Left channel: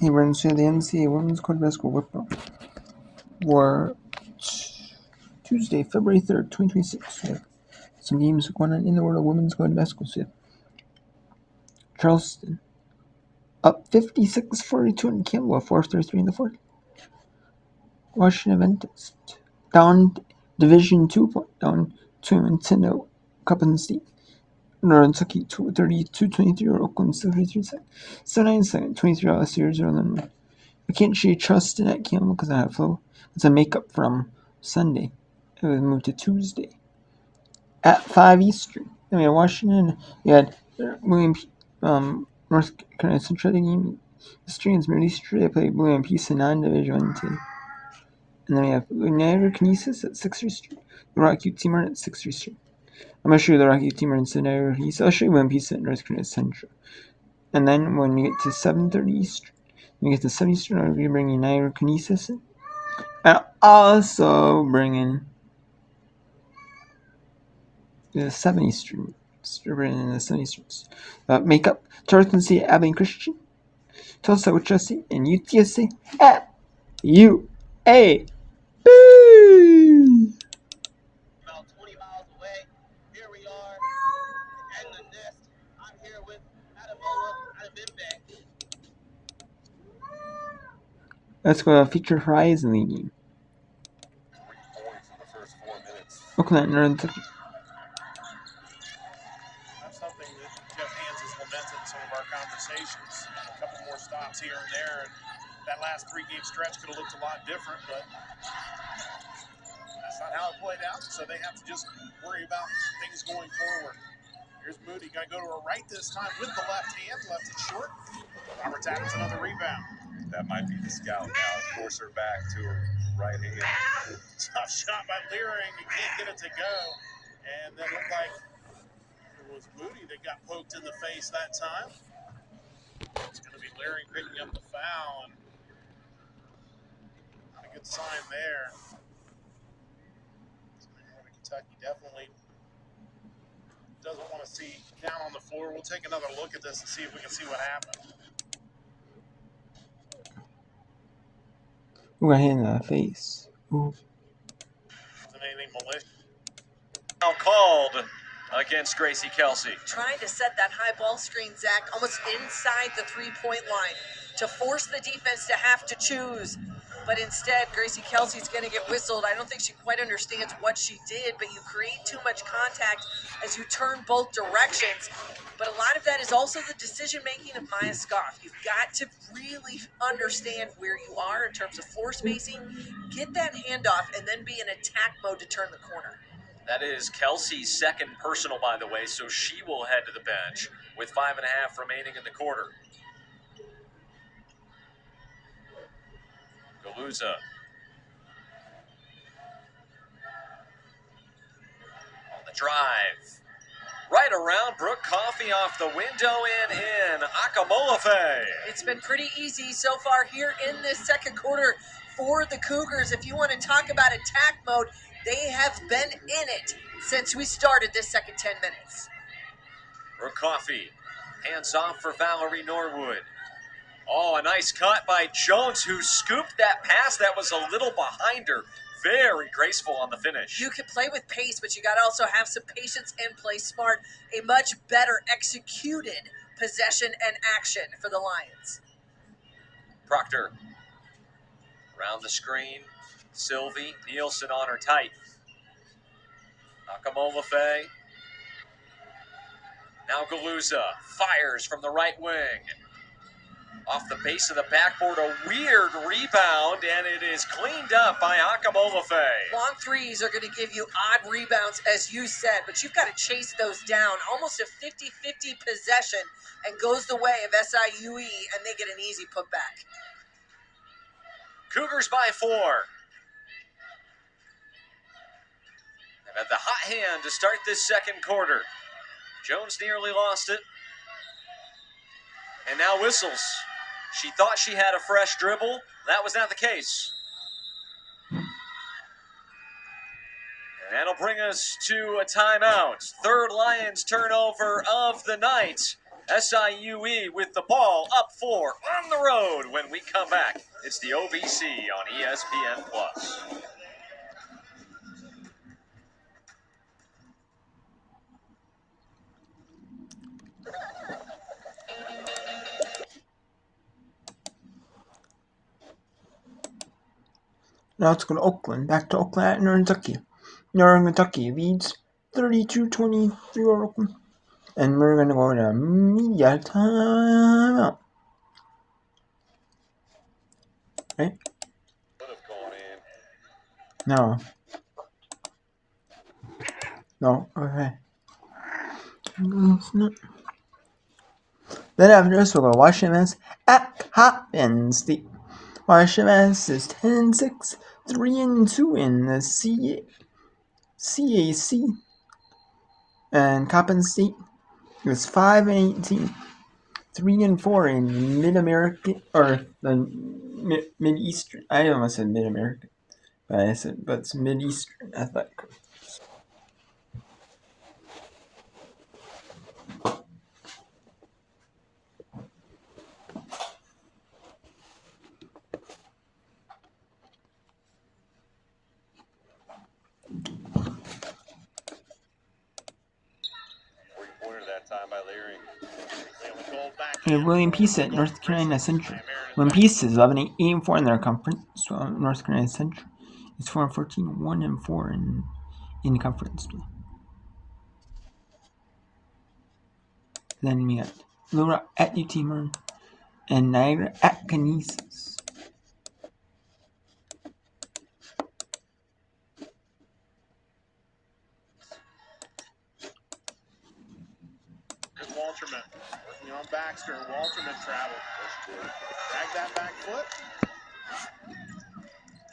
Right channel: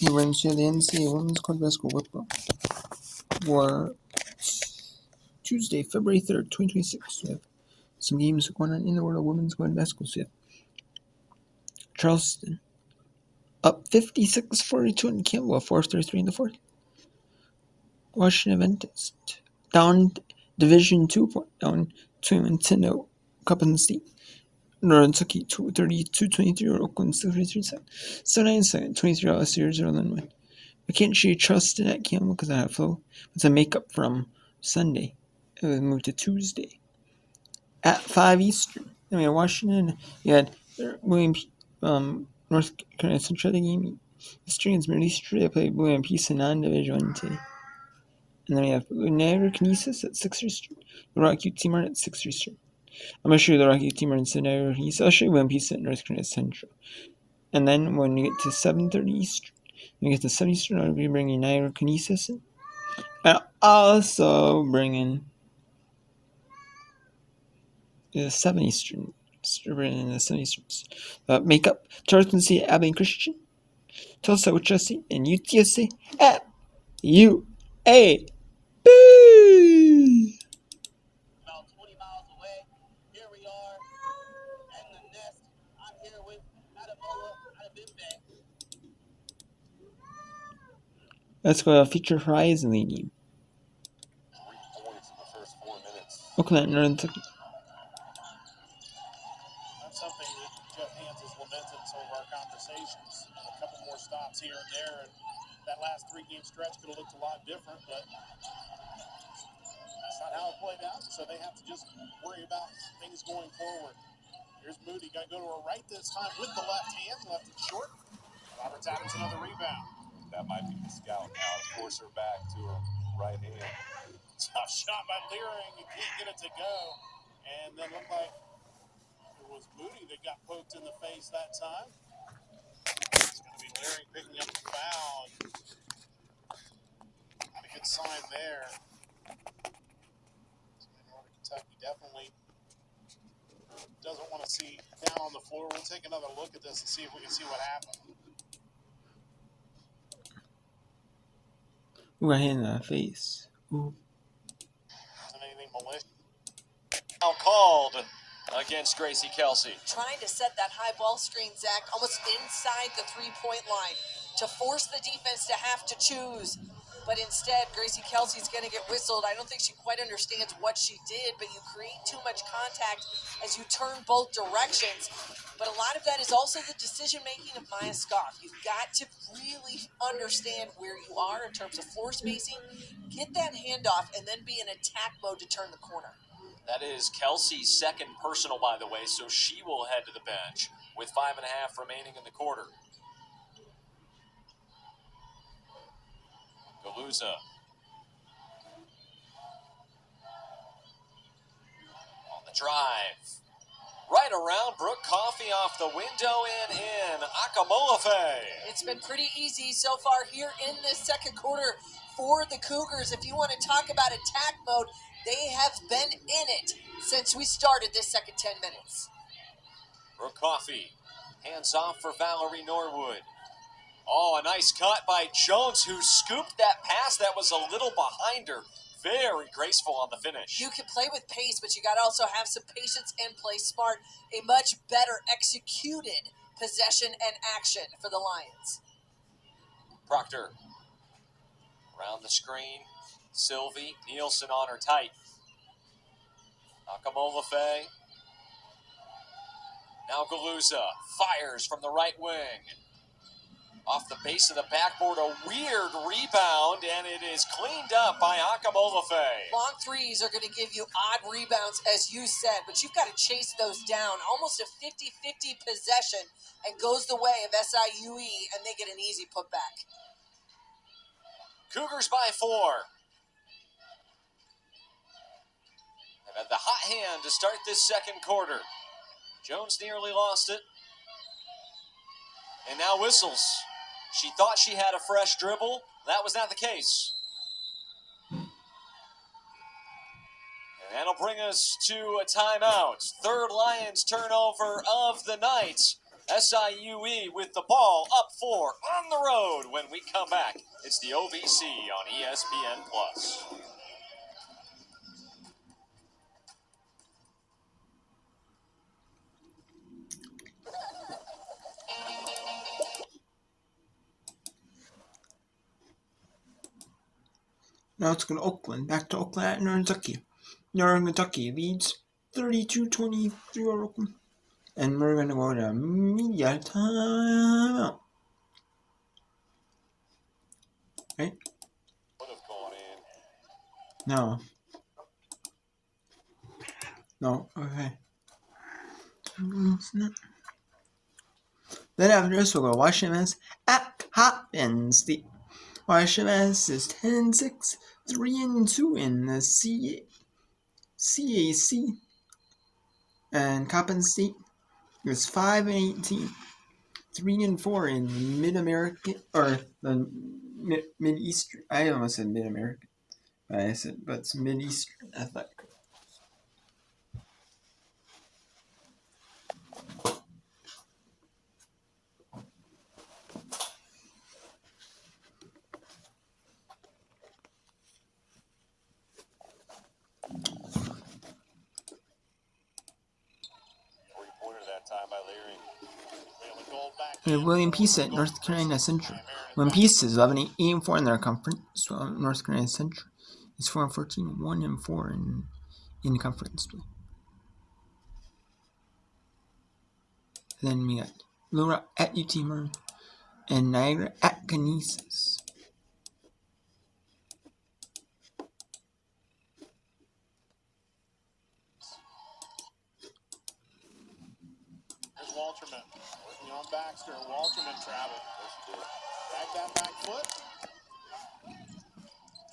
He runs to the NCAA Women's College Basketball Whip for Tuesday, February 3rd, 2026. Some games going on in the world of women's college basketball. So Charleston up 56-42 in Campbell, 4-33 in the fourth. Washington Adventist down Division 2 point, down 2-10 Coppin State. Northern Kentucky 32-23 or Oakland 63-7. 23 last year, 0-1. I can't show you Charleston at Campbell because I have flow. It's a makeup from Sunday. It was moved to Tuesday at 5 Eastern. Then we had Washington. You had William P. North Carolina Central game. The Strings Middle Eastern. They played William Peace in non-division 1 today. And then we have Niagara Kinesis at 6 Eastern. The Rocky Team at 6 Eastern. I'm going to show you the Rocky Team in Niagara Kinesis. I'll show you William Peace at North Carolina Central. And then when you get to 7:30 Eastern, when you get to 7 Eastern, I'll be bringing Niagara Kinesis in. And also bringing the 7 Eastern. Bringing the 7 Eastern. Makeup Charleston City at Abilene Christian. Tulsa with Chelsea and UTSA at UA. About 20 miles away, here we are in the nest. I'm here with Adamola Adebimbe. Let's go to Feature Horizon League game. 3 points in the first 4 minutes. Oakland, Northern Kentucky. That's something that Jeff Hands has lamented in some of our conversations. A couple more stops here and there, and that last 3-game stretch could have looked a lot different, but that's not how it played out, so they have to just worry about things going forward. Here's Moody, got to go to her right this time with the left hand, left it short. Roberts Adams, another rebound. That might be the scout now. Force her back to her right hand. Tough shot by Leering, and can't get it to go. And then looked like it was Moody that got poked in the face that time. It's going to be Leering picking up the foul, and not a good sign there. Northern Kentucky definitely doesn't want to see down on the floor. We'll take another look at this and see if we can see what happened. Ooh, I hit in the face. Ooh. Wasn't anything malicious. Now called against Gracie Kelsey. Trying to set that high ball screen, Zach, almost inside the three-point line to force the defense to have to choose. But instead, Gracie Kelsey's going to get whistled. I don't think she quite understands what she did, but you create too much contact as you turn both directions. But a lot of that is also the decision-making of Maya Scoff. You've got to really understand where you are in terms of floor spacing, get that handoff, and then be in attack mode to turn the corner. That is Kelsey's second personal, by the way, so she will head to the bench with 5.5 remaining in the quarter. Galuza. On the drive. Right around Brooke Coffey off the window and in. Akamolafe. It's been pretty easy so far here in this second quarter for the Cougars. If you want to talk about attack mode, they have been in it since we started this second 10 minutes. Brooke Coffey. Hands off for Valerie Norwood. Oh, a nice cut by Jones, who scooped that pass that was a little behind her. Very graceful on the finish. You can play with pace, but you got to also have some patience and play smart. A much better executed possession and action for the Lions. Proctor. Around the screen. Sylvie. Nielsen on her tight. Akamolafe. Now Galuza fires from the right wing. Off the base of the backboard, a weird rebound, and it is cleaned up by Akamolafe. Long threes are going to give you odd rebounds, as you said, but you've got to chase those down. Almost a 50-50 possession, and goes the way of SIUE, and they get an easy putback. Cougars by 4. They've had the hot hand to start this second quarter. Jones nearly lost it. And now whistles. She thought she had a fresh dribble. That was not the case. And that'll bring us to a timeout. Third Lions turnover of the night. SIUE with the ball up 4 on the road when we come back. It's the OVC on ESPN+. Now let's go to Oakland. Back to Oakland at Northern Kentucky. Northern Kentucky leads 32-23 over Oakland. And we're going to go to media timeout. Right? No. No, okay. Then after this, we'll go Washington at Coppin State. Washington is 10-6, 3-2 in the CAC. And Coppin State is 5-18, 3-4 in Mid-American, or the Mid-Eastern. I almost said Mid-American, but it's Mid-Eastern Athletic. And William Peace at North Carolina Central. William Peace is 11-8-4 in their conference. So North Carolina Central is 4-14, 1-4 in conference play. Then we got Laura at UT Marin and Niagara at Canisius. Here's Walterman working on Baxter. Walterman traveled. Drag that back foot.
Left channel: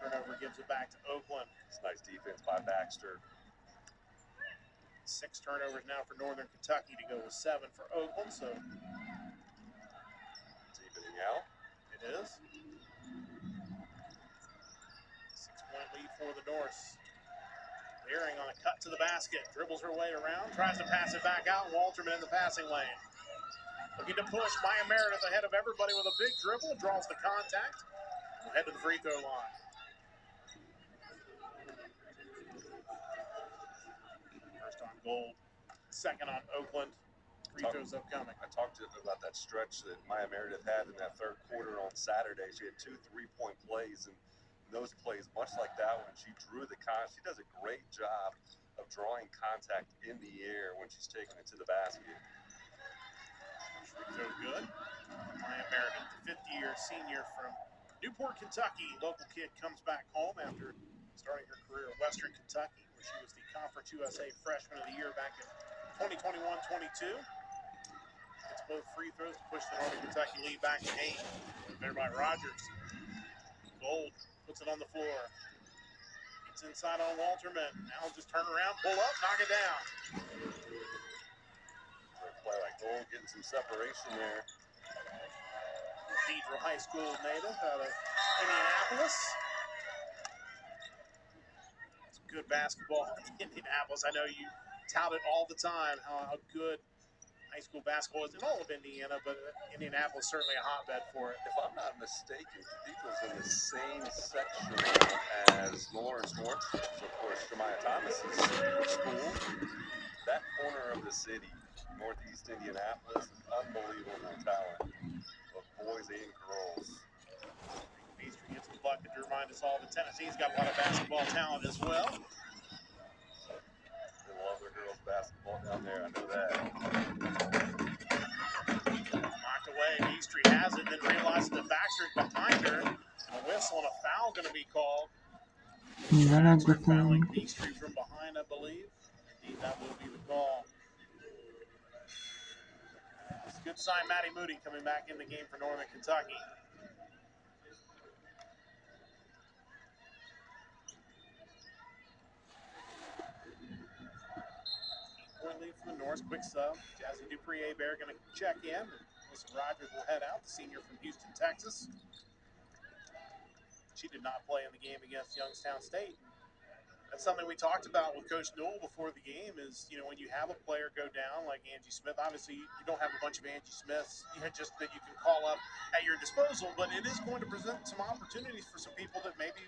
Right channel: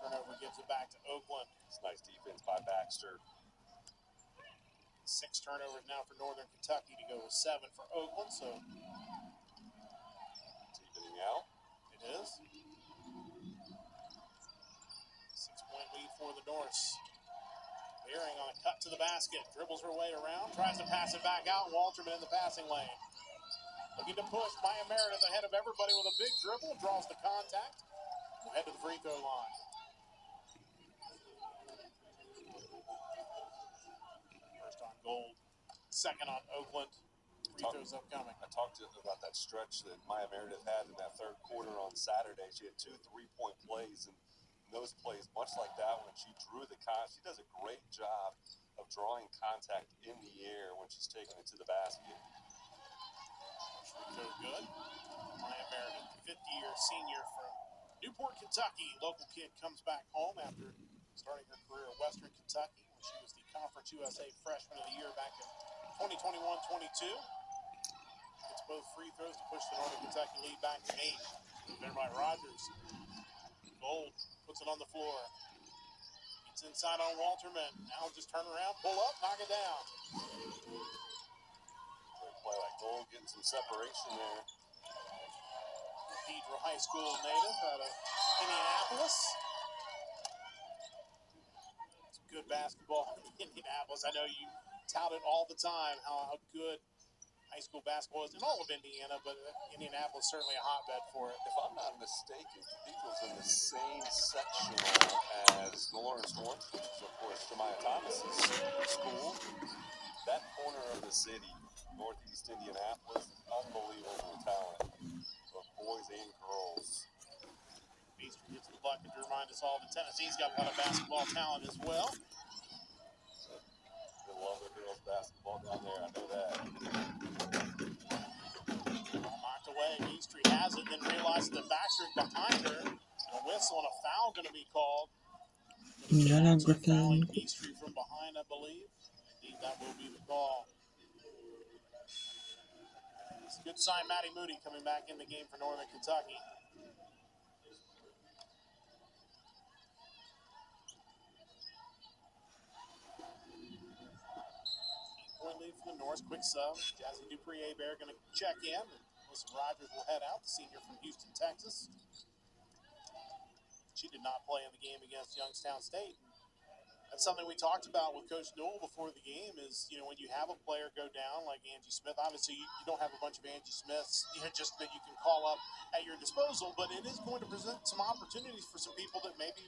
Turnover gives it back to Oakland. It's nice defense by Baxter. 6 turnovers now for Northern Kentucky to go with 7 for Oakland. So It's evening out. it is. 6-point lead for the Norse. Leering on a cut to the basket. Dribbles her way around. Tries to pass it back out. Walterman in the passing lane. Looking to push. Maya Meredith ahead of everybody with a big dribble. Draws the contact. We'll head to the free throw line. First on Gold. Second on Oakland. Free throws upcoming. I talked to about that stretch that Maya Meredith had in that third quarter on Saturday. She had 2 3-point plays, and those plays, much like that one, she drew the she does a great job of drawing contact in the air when she's taking it to the basket. Free throw good. Maya Meredith, fifth-year senior from Newport, Kentucky. Local kid comes back home after starting her career at Western Kentucky, where she was the Conference USA Freshman of the Year back in 2021-22. Gets both free throws to push the Northern Kentucky lead back to 8. There by Rogers. Gold puts it on the floor. It's inside on Walterman. Now just turn around, pull up, knock it down. Great play like Gold, getting some separation there. Pedro High School native out of Indianapolis. Some good basketball in Indianapolis. I know you tout it all the time how good high school basketball is in all of Indiana, but Indianapolis is certainly a hotbed for it. If I'm not mistaken, Cathedral's in the same section as Lawrence North, so of course Jemiah Thomas's school. That corner of the city, northeast Indianapolis, unbelievable talent, both boys and girls. Beaster gets the bucket to remind us all that Tennessee's got a lot of basketball talent as well. They love their girls basketball down there, I know that. Knocked away, Beaster has it, then realizes that Baxter behind her, and a whistle and a foul going to be called. Yana Griffin. Beaster from behind, I believe. Indeed, that will be the call. It's a good sign, Maddie Moody coming back in the game for Northern Kentucky. Lead from the North, quick sub. Jazzy Dupree-Hebert going to check in. Lisa Rogers will head out, the senior from Houston, Texas. She did not play in the game against Youngstown State. that's something we talked about with Coach Newell before the game is, when you have a player go down like Angie Smith, obviously you don't have a bunch of Angie Smiths, just that you can call up at your disposal, but it is going to present some opportunities for some people that maybe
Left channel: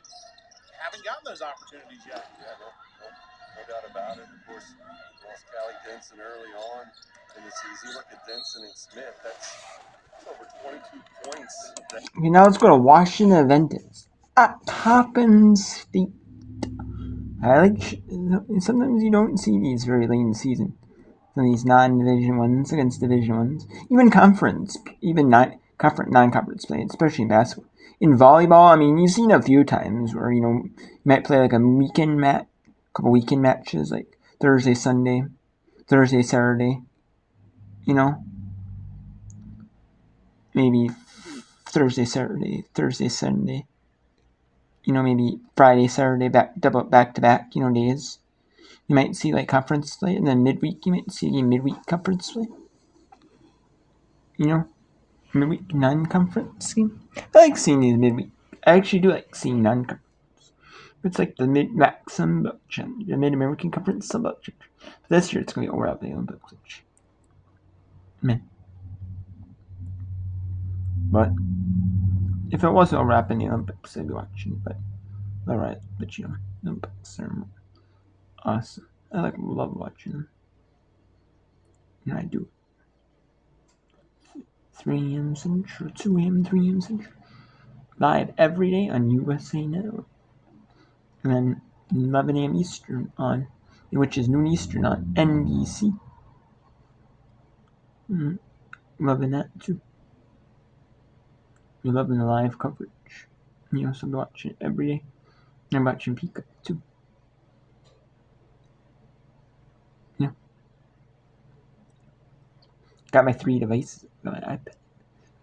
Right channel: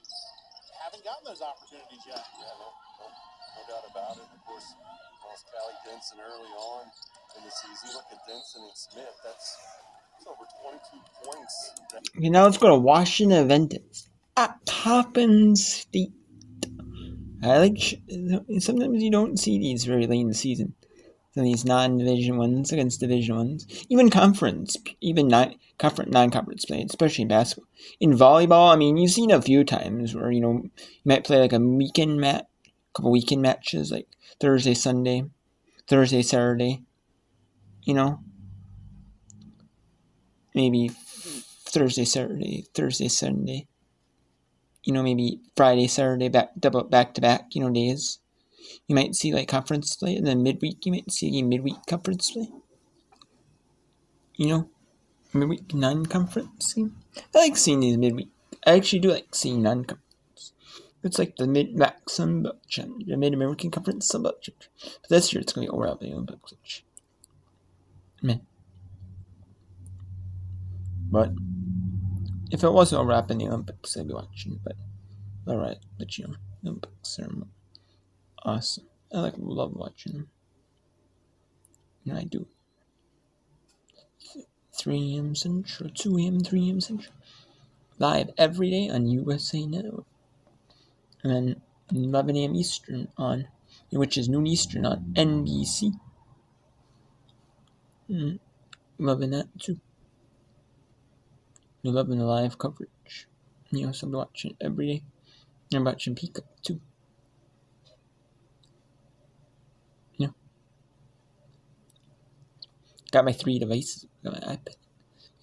haven't gotten those opportunities yet. Yeah, no doubt about it. Of course, lost Callie Denson early on in the season. You look at Denson and Smith, that's over 22 points. Okay, now let's go to Washington Adventist at Coppin State. Sometimes you don't see these very late in the season. Some of these non-division ones against division ones, even non-conference play, especially in basketball. In volleyball, I mean, you've seen a few times where you might play like a couple weekend matches, like Thursday, Sunday, Thursday, Saturday. Maybe Thursday, Saturday, Thursday, Sunday. Maybe Friday, Saturday, back to back. Days. You might see like conference play, and then midweek you might see a midweek conference play. Midweek non-conference game. I like seeing these midweek. I actually do like seeing non-conference. It's like the Mid-Mac Sunbelt Challenge, the Mid-American Conference Sunbelt Challenge. But this year it's gonna be overall the Olympics. Man. But if it wasn't overlapping the Olympics, I'd be watching. But alright, Olympics are awesome. I love watching them. And I do. 3 a.m. Central, 2 a.m., 3 a.m. Central. Live every day on USA Network. And then 11 a.m. Eastern which is noon Eastern on NBC. Loving that too. You're loving the live coverage. So I'm watching it every day. I'm watching Peacock too. Got my 3 devices. Got my iPad,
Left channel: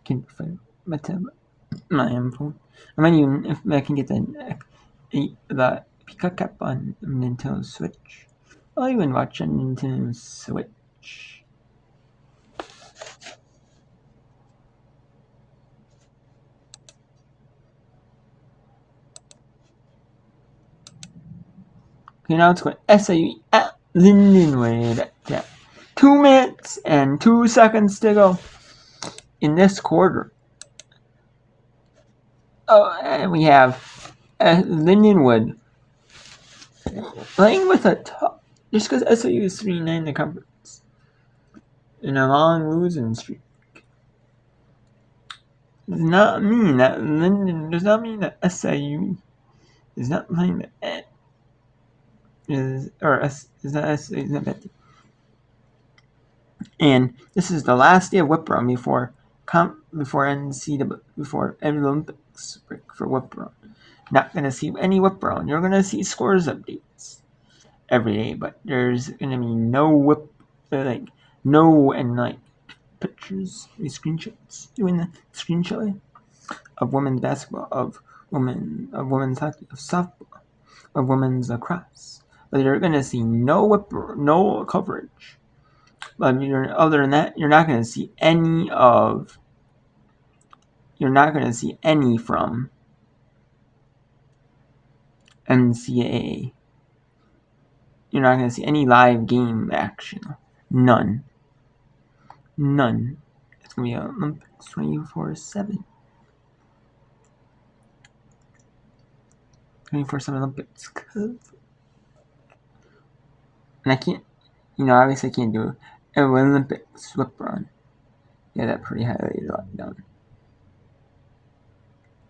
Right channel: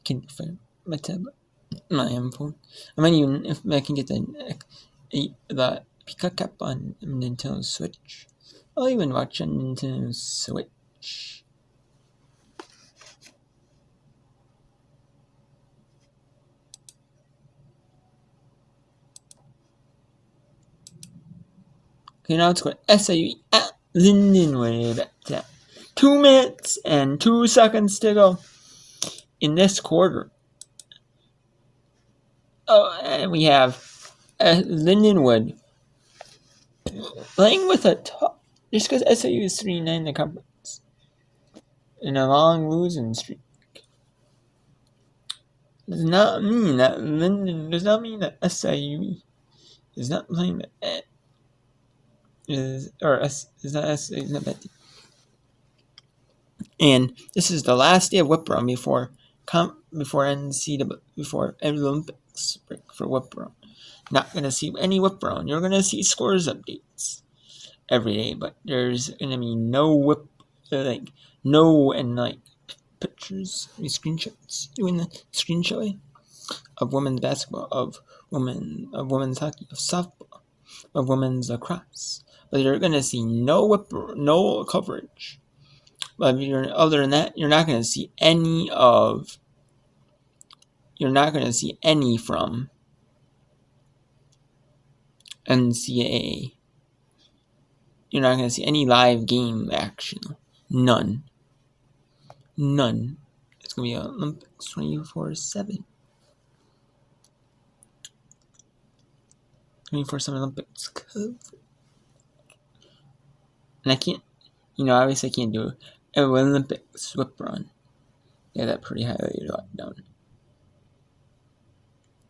Kindle Fire, my tablet, my phone. I might even, if I can get the Peacock app on Nintendo Switch, I'll even watch on Nintendo Switch. Okay, now let's go SIU at Lindenwood. Yeah. 2 minutes and 2 seconds to go in this quarter. Oh, and we have Lindenwood playing with a tough, just because SIU is 3-9 in the conference, and a long losing streak. Does not mean that SIU is not playing is not that. And this is the last day of whip run before NCAA, before Olympics break for whip run. Not gonna see any whip run. You're gonna see scores updates every day, but there's gonna be no pictures, screenshots, doing the screenshot of women's basketball, of women's hockey, of softball, of women's lacrosse. But you're gonna see no coverage. But other than that, you're not gonna see any from NCAA. You're not gonna see any live game action. None. It's gonna be on Olympics 24/7. 24/7 Olympics. And I can't, obviously I can't do an Olympics whip run. Yeah, that pretty highly locked down.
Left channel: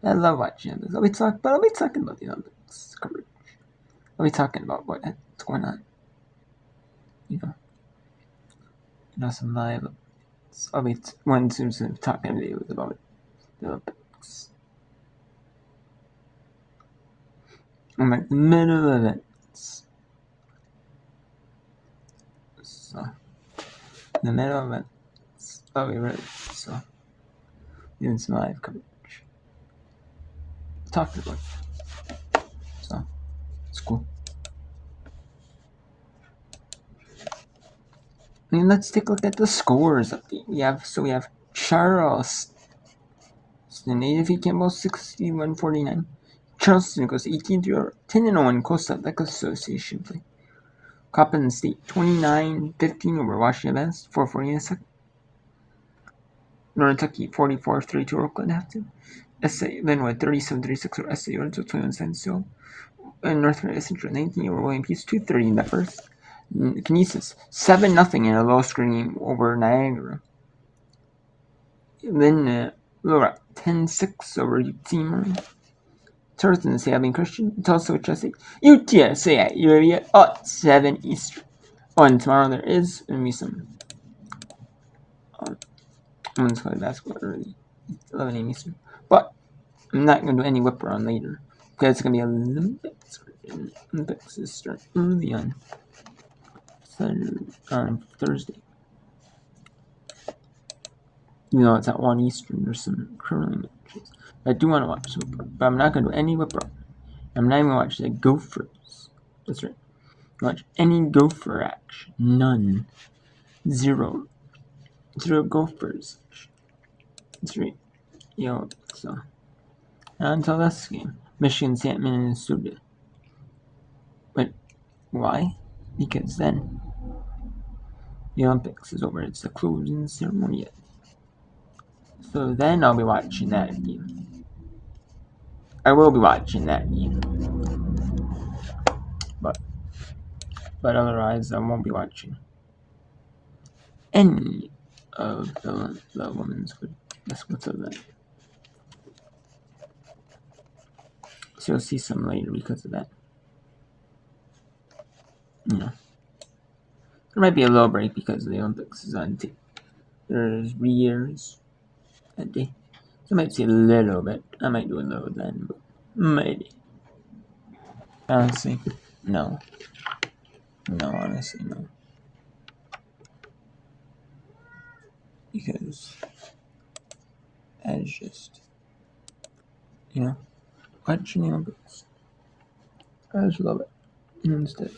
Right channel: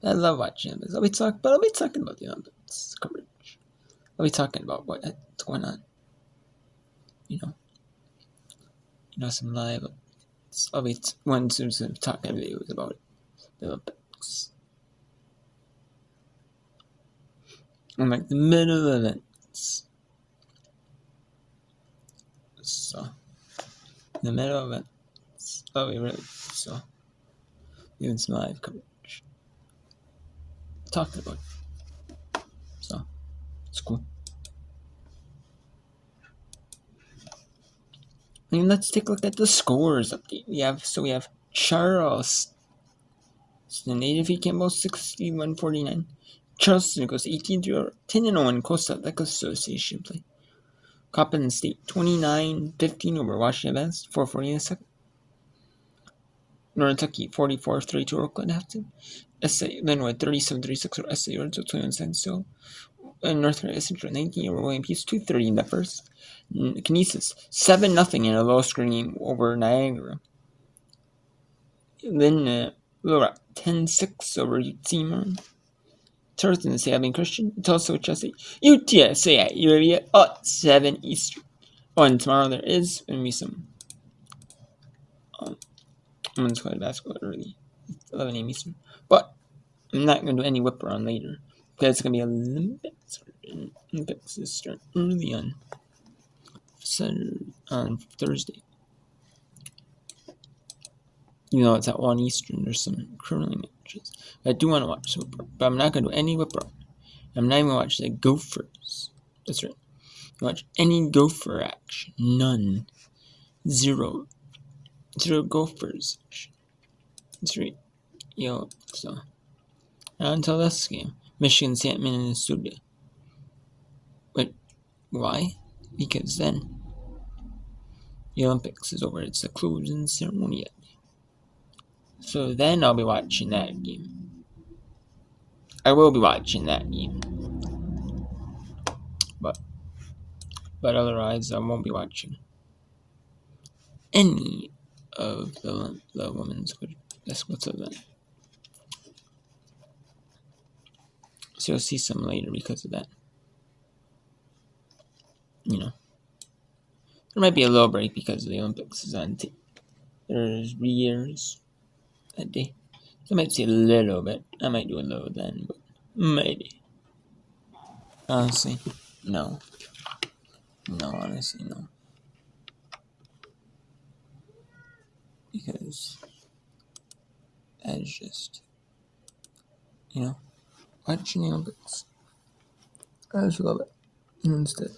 I love watching Olympics. I'll be talking about the Olympics coverage. I'll be talking about what's going on. Some live. I'll be some talking videos about the Olympics. I'm like the middle events. So the middle events. Oh, we really even some live coverage. Talked about it. So it's cool. And let's take a look at the scores update. We have Charleston. They defeat Campbell 61-49. Charleston goes 18-3, 10-0 Coastal Athletics Association play. Coppin State 29-15 over Washington Advanced, 4:40 in the second. Northern Kentucky 44-32 Oakland Hampton. SA Linwood 37-36 over SA Orangeville 21 seconds still. And North Carolina Central 19 over William Peace 2:30 in the first. Canisius 7-0 in a low scoring over Niagara. Then Little Rock 10-6 over UTSA. Thursday, Sabine Christian, Tulsa, Chelsea, UTSA at UAV at 7 Eastern. Oh, and tomorrow there is going to be some women's college basketball early, 11 a.m. Eastern. But I'm not going to do any whip around later because it's going to be Olympics. Olympics is starting early on Thursday. You know, it's at 1 Eastern. There's some curling matches. I do want to watch some, but I'm not going to do any whip around. I'm not even going to watch the Gophers. That's right. Watch any Gopher action. None. Zero Gophers action. That's right. So not until this game. Michigan, St. Minnesota. But why? Because then the Olympics is over. It's the closing ceremony yet. So then I'll be watching that game. I will be watching that game. But otherwise I won't be watching any of the women's basketball event. So you'll see some later because of that. There might be a little break because the Olympics is on there's 3 years that day. So I might see a little bit. I might do a little then, but maybe. Honestly, no. No, honestly, no. Because that's just, watching the Olympics. I just love it. Instead.